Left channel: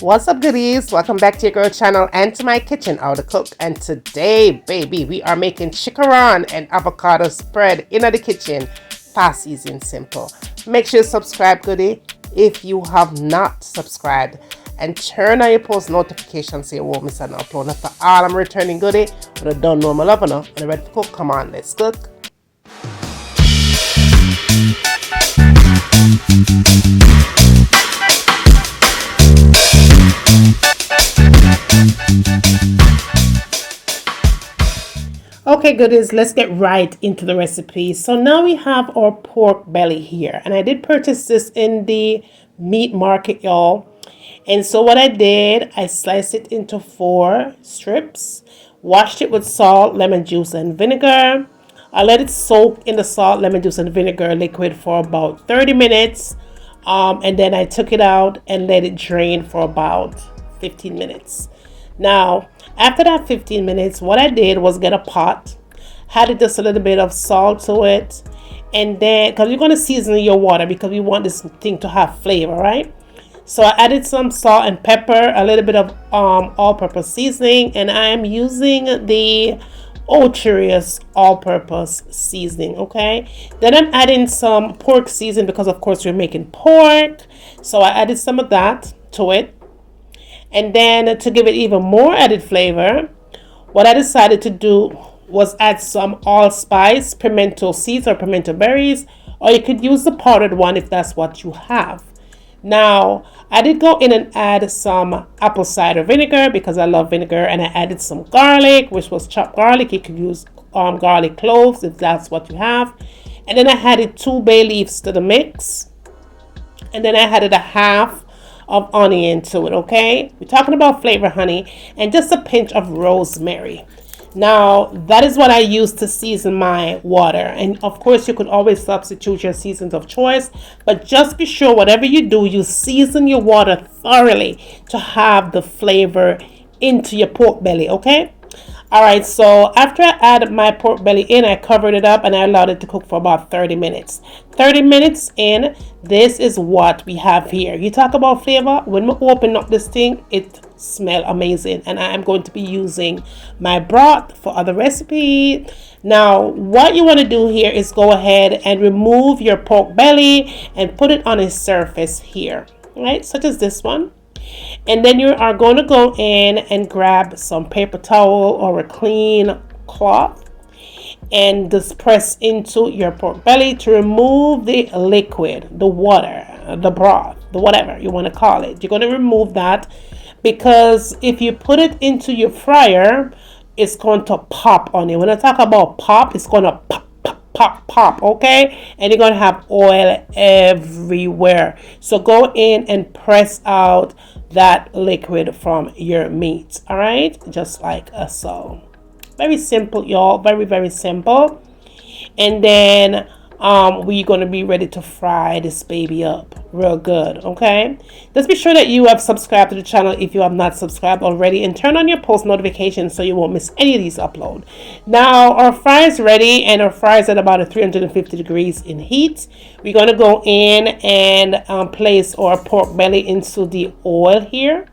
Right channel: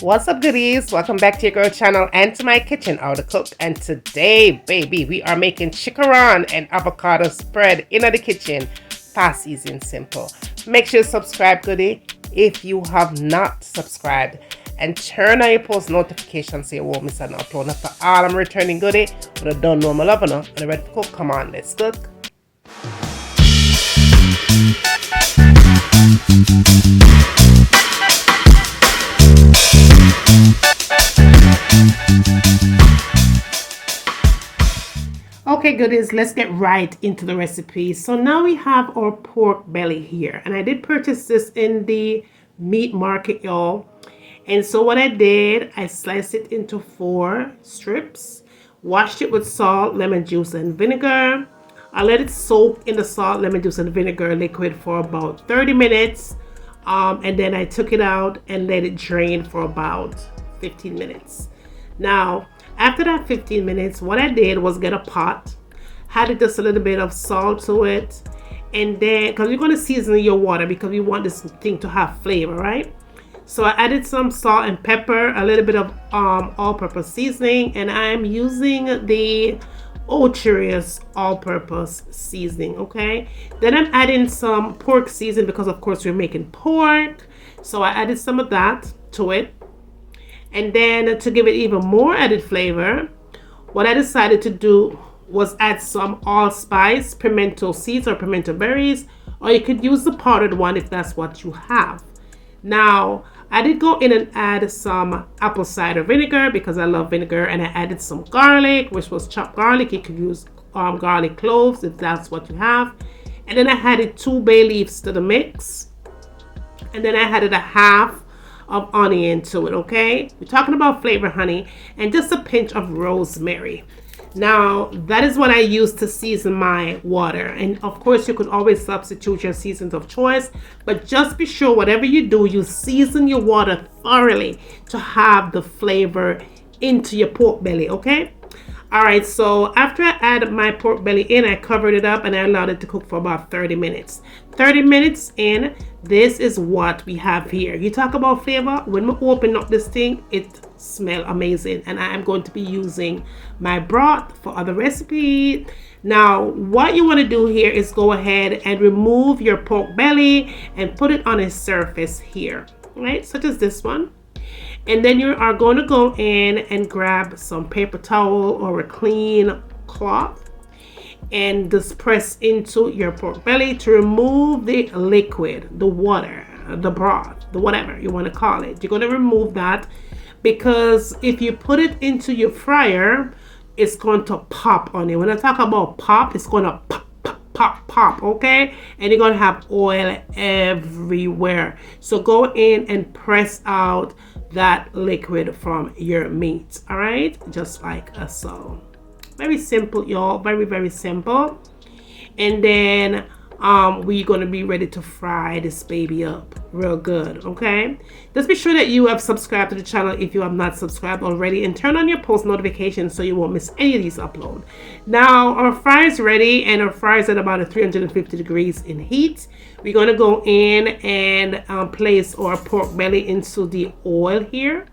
What's up, goodies? Welcome back to your girl channel and to my kitchen, How to Cook. And today, baby, we are making chicharron and avocado spread in the kitchen. Fast, easy, and simple. Make sure you subscribe, goodie, if you have not subscribed. And turn on your post notifications so you won't miss an upload. Now for all I'm returning goodie, but I don't know my love enough and I'm ready to cook. Come on, let's cook. Okay, goodies, let's get right into the recipe. So now we have our pork belly here, and I did purchase this in the meat market, y'all. And so what I did, I sliced it into 4 strips, washed it with salt, lemon juice, and vinegar. I let it soak in the salt, lemon juice, and vinegar liquid for about 30 minutes. And then I took it out and let it drain for about 15 minutes. Now, after that 15 minutes, what I did was get a pot, added just a little bit of salt to it, and then, because you're going to season your water because we want this thing to have flavor, right? So I added some salt and pepper, a little bit of all-purpose seasoning, and I am using the Old Cheerios all-purpose seasoning, okay? Then I'm adding some pork seasoning because, of course, we're making pork. So I added some of that to it. And then to give it even more added flavor, what I decided to do was add some allspice, pimento seeds or pimento berries, or you could use the powdered one if that's what you have. Now, I did go in and add some apple cider vinegar because I love vinegar, and I added some garlic, which was chopped garlic. You could use garlic cloves if that's what you have. And then I added 2 bay leaves to the mix. And then I added a half of onion to it, okay? We're talking about flavor, honey, and just a pinch of rosemary. Now, that is what I use to season my water. And of course, you could always substitute your seasons of choice, but just be sure whatever you do, you season your water thoroughly to have the flavor into your pork belly, okay? All right, so after I added my pork belly in, I covered it up and I allowed it to cook for about 30 minutes. 30 minutes in, this is what we have here. You talk about flavor. When we open up this thing, it smells amazing. And I am going to be using my broth for other recipe. Now, what you want to do here is go ahead and remove your pork belly and put it on a surface here, right? Such as this one. And then you are going to go in and grab some paper towel or a clean cloth and just press into your pork belly to remove the liquid, the water, the broth, the whatever you want to call it. You're going to remove that because if you put it into your fryer, it's going to pop on you. When I talk about pop, it's going to pop, okay? And you're going to have oil everywhere. So go in and press out that liquid from your meat, all right? Just like so. Very simple, y'all. Very, very simple. And then we're going to be ready to fry this baby up real good, okay? Just be sure that you have subscribed to the channel if you have not subscribed already, and turn on your post notifications so you won't miss any of these uploads. Now, our fry is ready, and our fry is at about 350 degrees in heat. We're going to go in and place our pork belly into the oil here,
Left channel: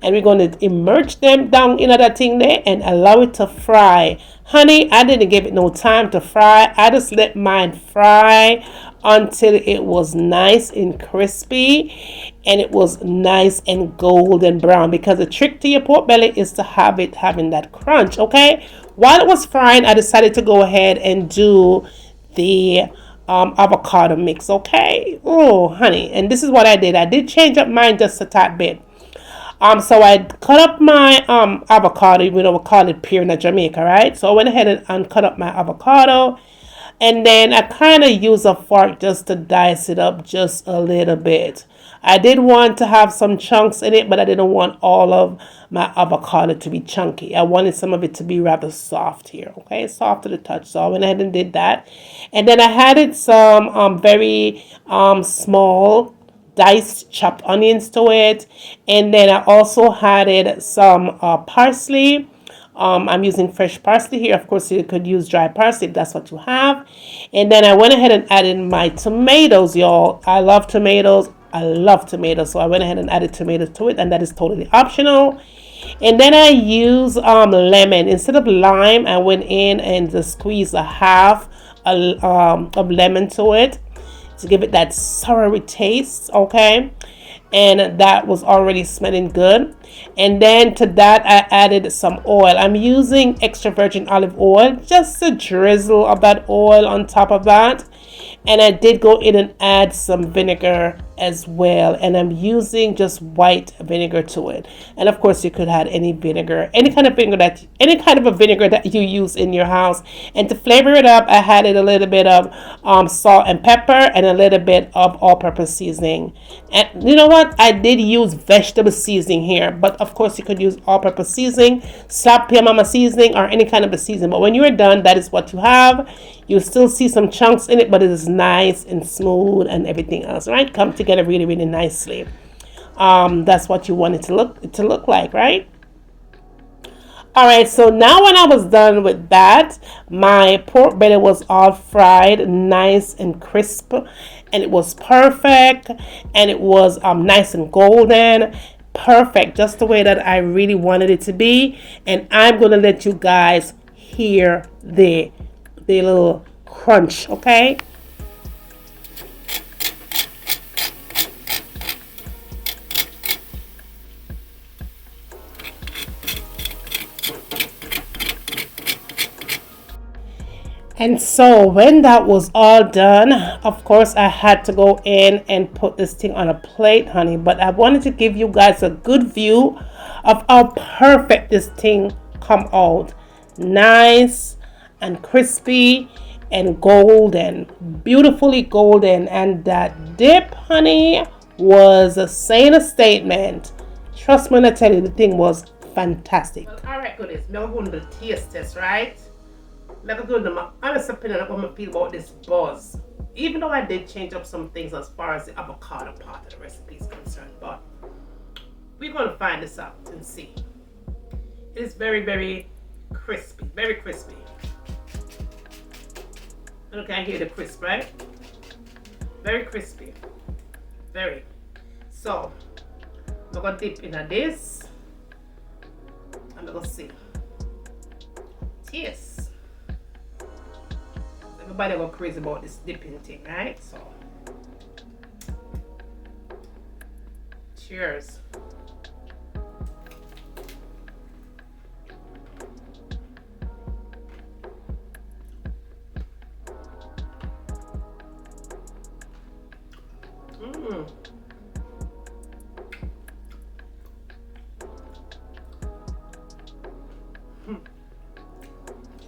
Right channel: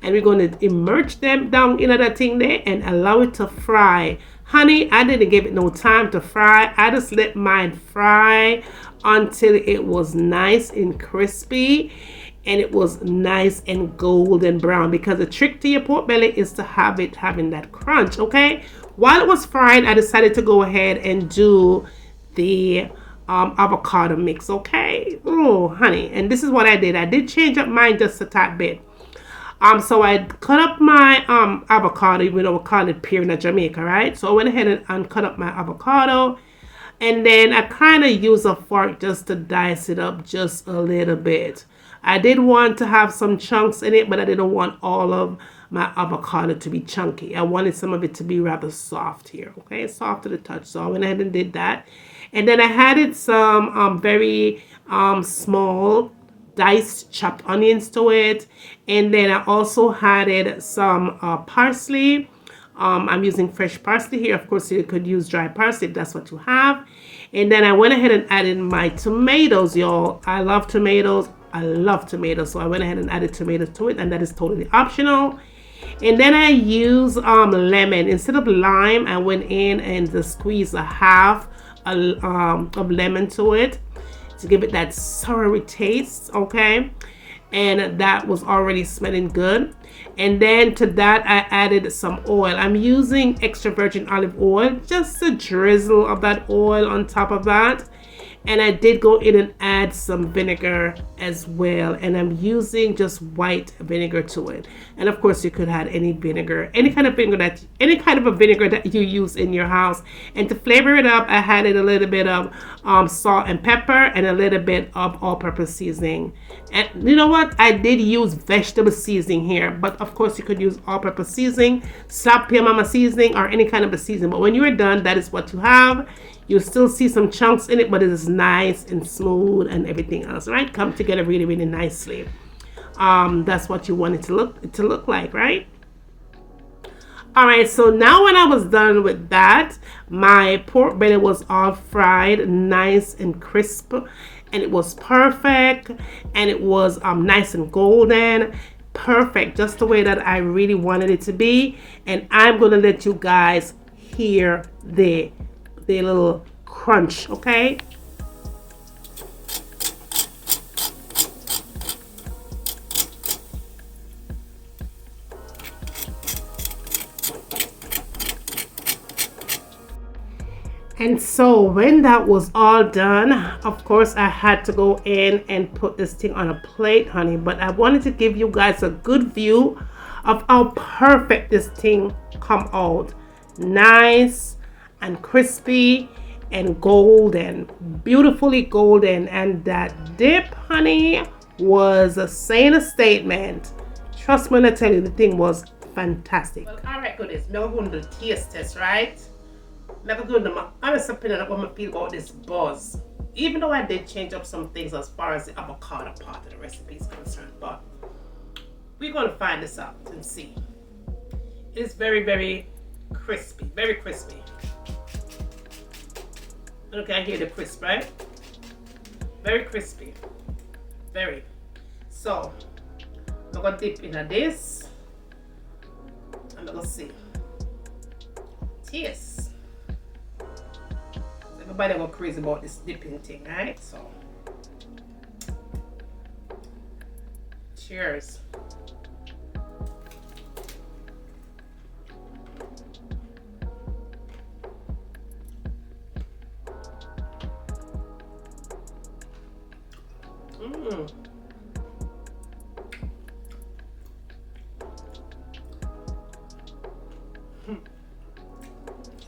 and we're going to immerse them down in that thing there and allow it to fry. Honey, I didn't give it no time to fry. I just let mine fry until it was nice and crispy and it was nice and golden brown, because the trick to your pork belly is to have it having that crunch, okay? While it was frying, I decided to go ahead and do the avocado mix, okay? Oh, honey, and this is what I did. I did change up mine just a tad bit. So I cut up my avocado, even though we call it pear in Jamaica, right? So I went ahead and cut up my avocado, and then I kind of use a fork just to dice it up just a little bit. I did want to have some chunks in it, but I didn't want all of my avocado to be chunky. I wanted some of it to be rather soft here, okay? Soft to the touch. So I went ahead and did that. And then I added some very small diced chopped onions to it, and then I also added some parsley. I'm using fresh parsley here. Of course, you could use dry parsley if that's what you have. And then I went ahead and added my tomatoes, y'all. I love tomatoes. I love tomatoes, so I went ahead and added tomatoes to it, and that is totally optional. And then I use lemon instead of lime. I went in and just squeezed a half of lemon to it to give it that soury taste. Okay, and that was already smelling good. And then to that I added some oil. I'm using extra virgin olive oil, just a drizzle of that oil on top of that. And I did go in and add some vinegar as well, and I'm using just white vinegar to it. And of course you could add any vinegar, any kind of a vinegar that you use in your house. And to flavor it up, I added a little bit of salt and pepper and a little bit of all-purpose seasoning. And you know what, I did use vegetable seasoning here, but of course you could use all-purpose seasoning, sap mama seasoning, or any kind of a seasoning. But when you are done, that is what you have. You still see some chunks in it, but it is nice and smooth and everything else, right? Come together really, really nicely. That's what you want it to look like, right? All right, so now when I was done with that, my pork belly was all fried, nice and crisp, and it was perfect, and it was nice and golden. Perfect, just the way that I really wanted it to be. And I'm gonna let you guys hear the little crunch, okay? And so when that was all done, of course I had to go in and put this thing on a plate, honey. But I wanted to give you guys a good view of how perfect this thing come out. Nice and crispy and golden, beautifully golden. And that dip, honey, was saying a statement. Trust me when I tell you, the thing was fantastic. Well, all right, goodies, now we're going to the taste test, right? Let me go to my honest opinion of what I feel about this buzz. Even though I did change up some things as far as the avocado part of the recipe is concerned, but we're going to find this out and see. It is very, very crispy, very crispy. Look, I hear the crisp, right? Very crispy, very. So I'm going to dip into this, and we'll see. Taste. Everybody go crazy about this dipping thing, right? So, cheers.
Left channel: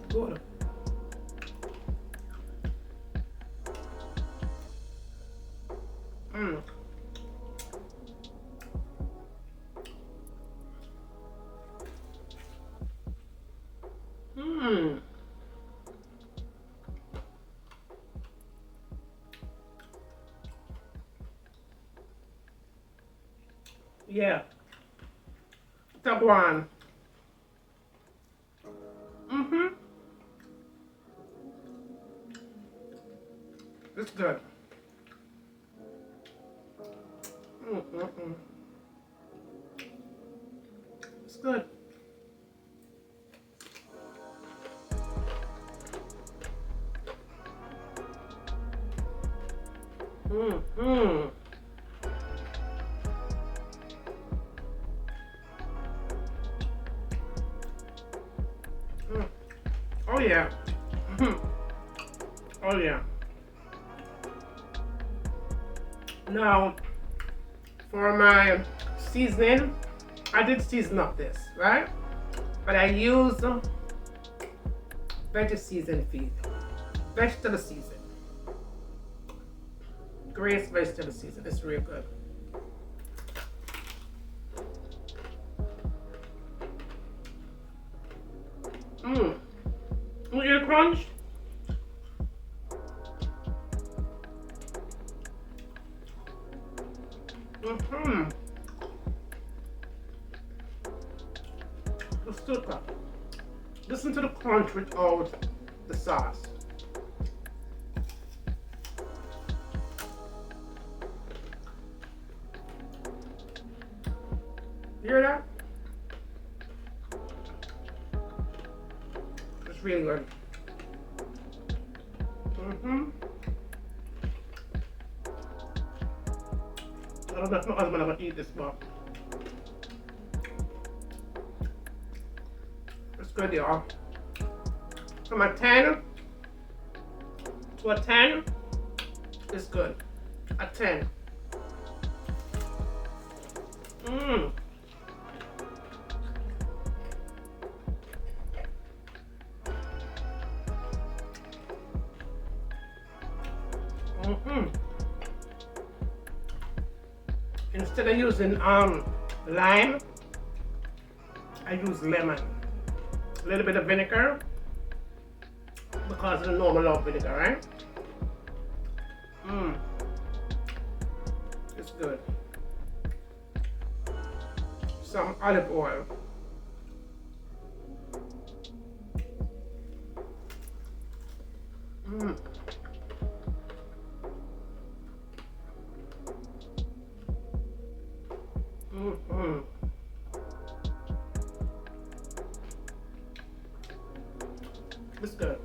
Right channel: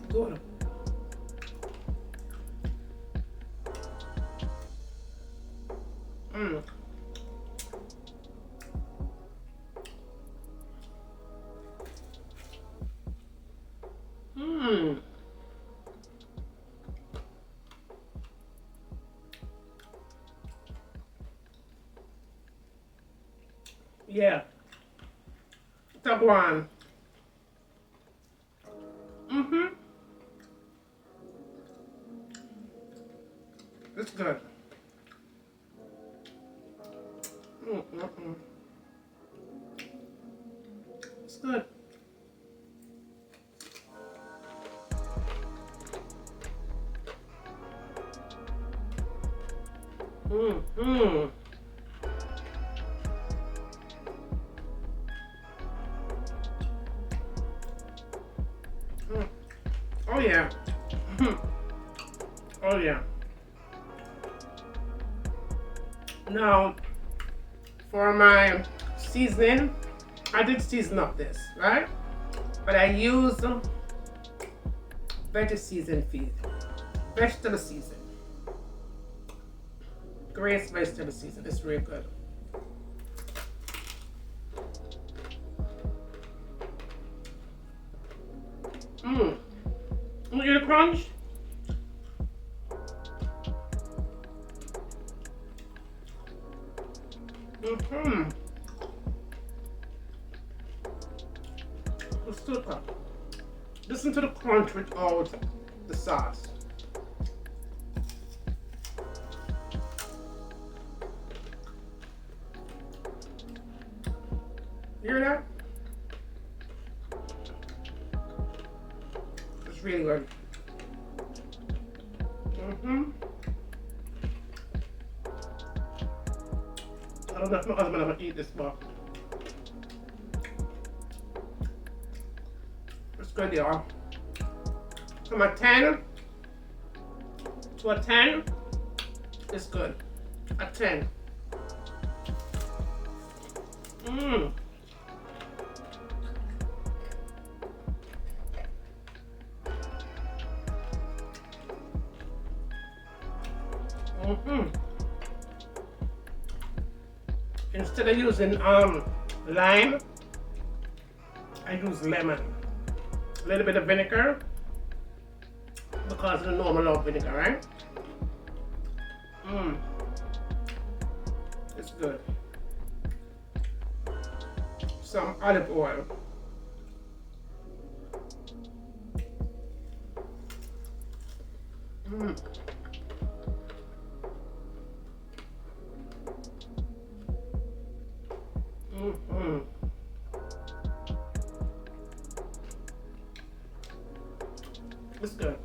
Good. Yeah. Top one. It's good. It's good. Oh yeah. Oh yeah. Now, for my seasoning, I did season up this, right? But I used vegetable season. Grace vegetable season. It's real good. You hear the crunch? Let's do it. Listen to the crunch without the sauce. You hear that? It's really good. I don't know if my husband ever eat this, but it's good, y'all. From a 10 to a 10, it's good. A 10. Mmm. Instead of using lime, I use lemon. A little bit of vinegar because I know I love vinegar, right? It's good. Some olive oil. It's good.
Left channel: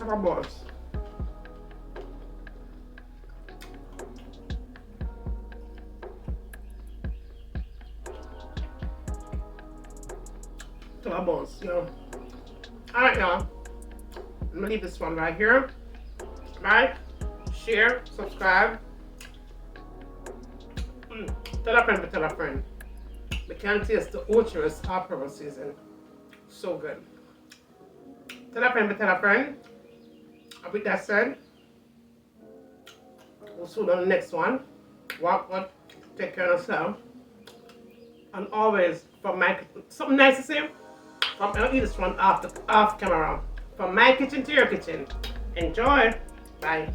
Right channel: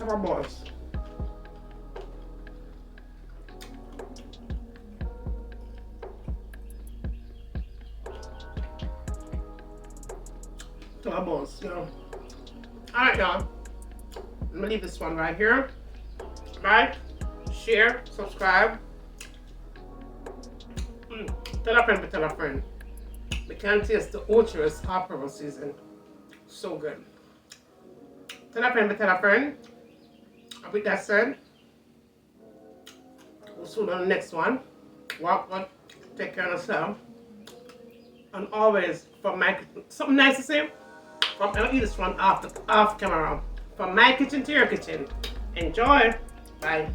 Have a boss. To our bones, you know. Alright, y'all. I'm gonna leave this one right here. Like, share, subscribe. Tell a friend to tell a friend. We can taste the ultras apple season. So good. Tell a friend to tell a friend. And with that said, we'll see you on the next one. Walk good, take care of yourself. And always, from my something nice to say. I'll eat this one off camera. From my kitchen to your kitchen. Enjoy. Bye.